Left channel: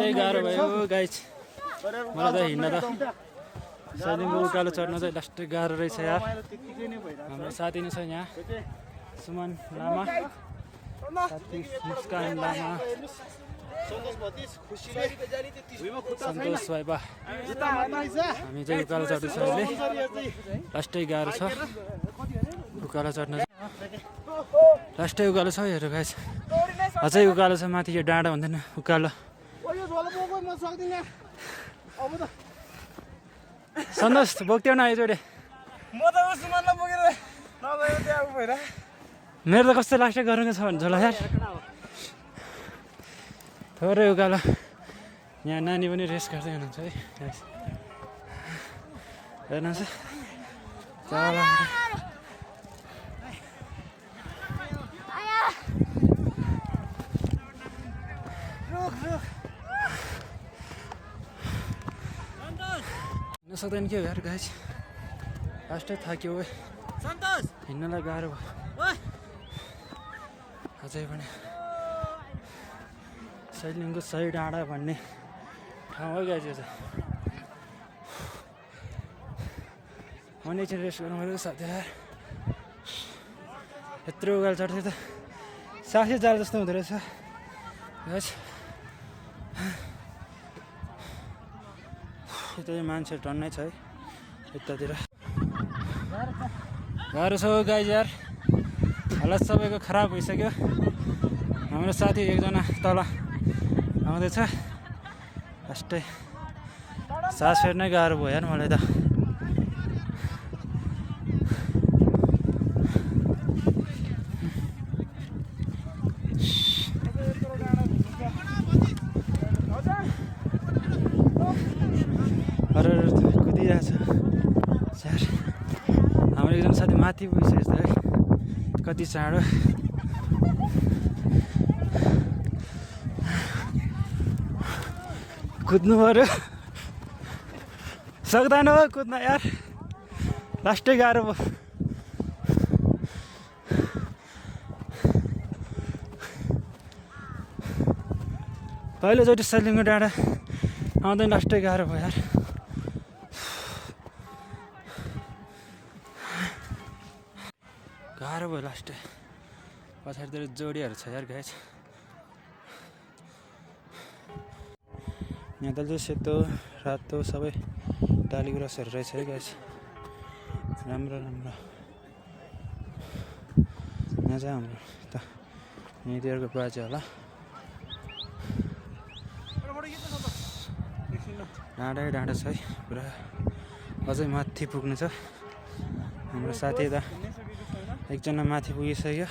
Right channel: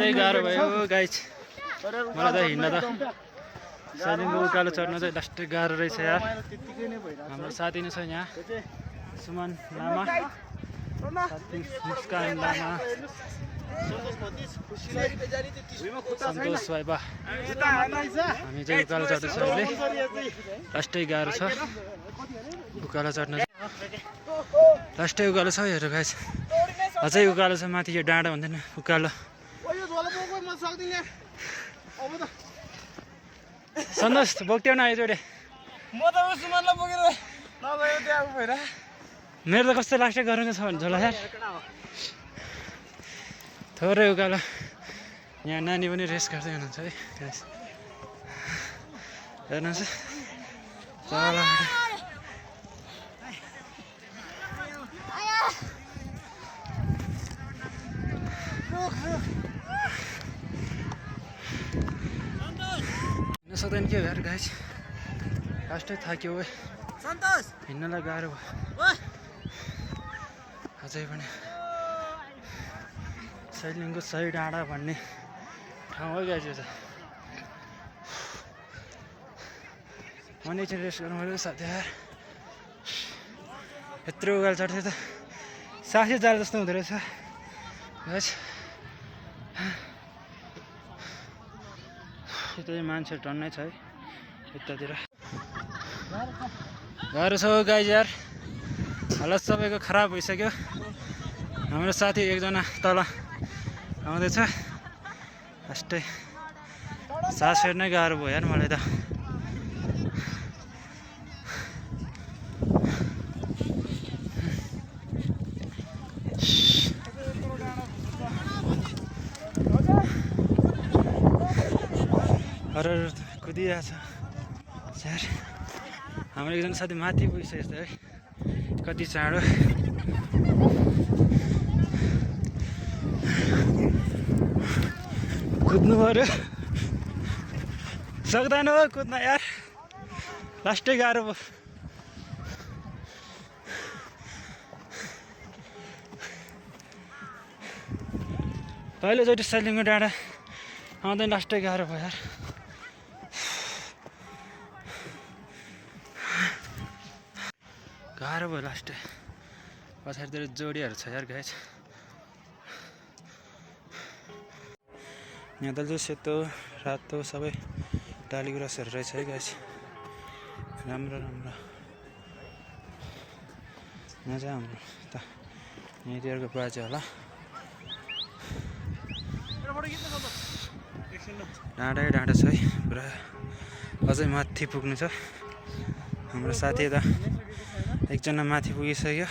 लास्टै गाह्रो भयो गाइस मलाई त हिँड्न त सैलिङको उकालो चढ्न चाहिँ लास्टै गाह्रो रहेछ यार हाम्रो साथी नै छ यहाँ सुमन लामा साथी मुस्कान लामा सन्तोष भाइबा हामी चाहिँ उकालो चढ्दैछ अहिले लास्टै गाह्रो छ उकालो चढ्न लास्टै उकालो छ हेर गाइस अझै उकालो छ माथि यो डाँडा हुँदैन उकालो सन्तोष बोक्थ्यौ न आइजोडे मेरो त कस्तो लास्टै गरेको छ भन्छ होला यार थोरै उकालो यहाँ नानी पनि रेस गर्दै हुनुहुन्छ है हेर्नुहोस् तल हिँड्न सक्दैन के यार गाइस लास्टै थाक्यो हिँड्नलाई गाह्रो भयो अझै पनि सैलिङको सही डाँडा भन्ने ठाउँ हो गाइस यो चाहिँ मैले चाहिँ रेस गर्नु पऱ्यो साथीहरू यत्रो उकालो चढ्थ्यो त सासै जाल जस्तो हुँदो रहेछ गाइस यतै मान्छे टन्नै छ है यतातिर गाह्रो छ गाइस यार हालत सबैको खराब भइसक्यो हाम्रो साथी एकजना तल आउँदैछ लास्टै सास फेर्नै गाह्रो भयो यार मलाई त अरे कुदिरहेछ यार हाम्रो एकजना साथी माथि पुगिसकेको छ है कति चाँडो कुद्नु पऱ्यो सक्दैन हो कुद्न यार लास्टै गाह्रो भयो पहिलोचोटि सैलिङको डाँडा आउँदैन लास्टै गाह्रो भयो यार गाह्रो भयो लास्टै पछाडितिर जोडीहरू छ यार गाइस यहाँ त चाहिँ सेतो रातो सबै डाली गुराँसहरू रहेछ है गाइस राम्रो राम्रो यहाँ चाहिँ हाम्रो त यहाँतिरको बाजे होला डाँडै डाँडा छ है पुरा अझै माथि पुग्नु छ हाम्रो साथी त एकजना माथि पुगिसक्यो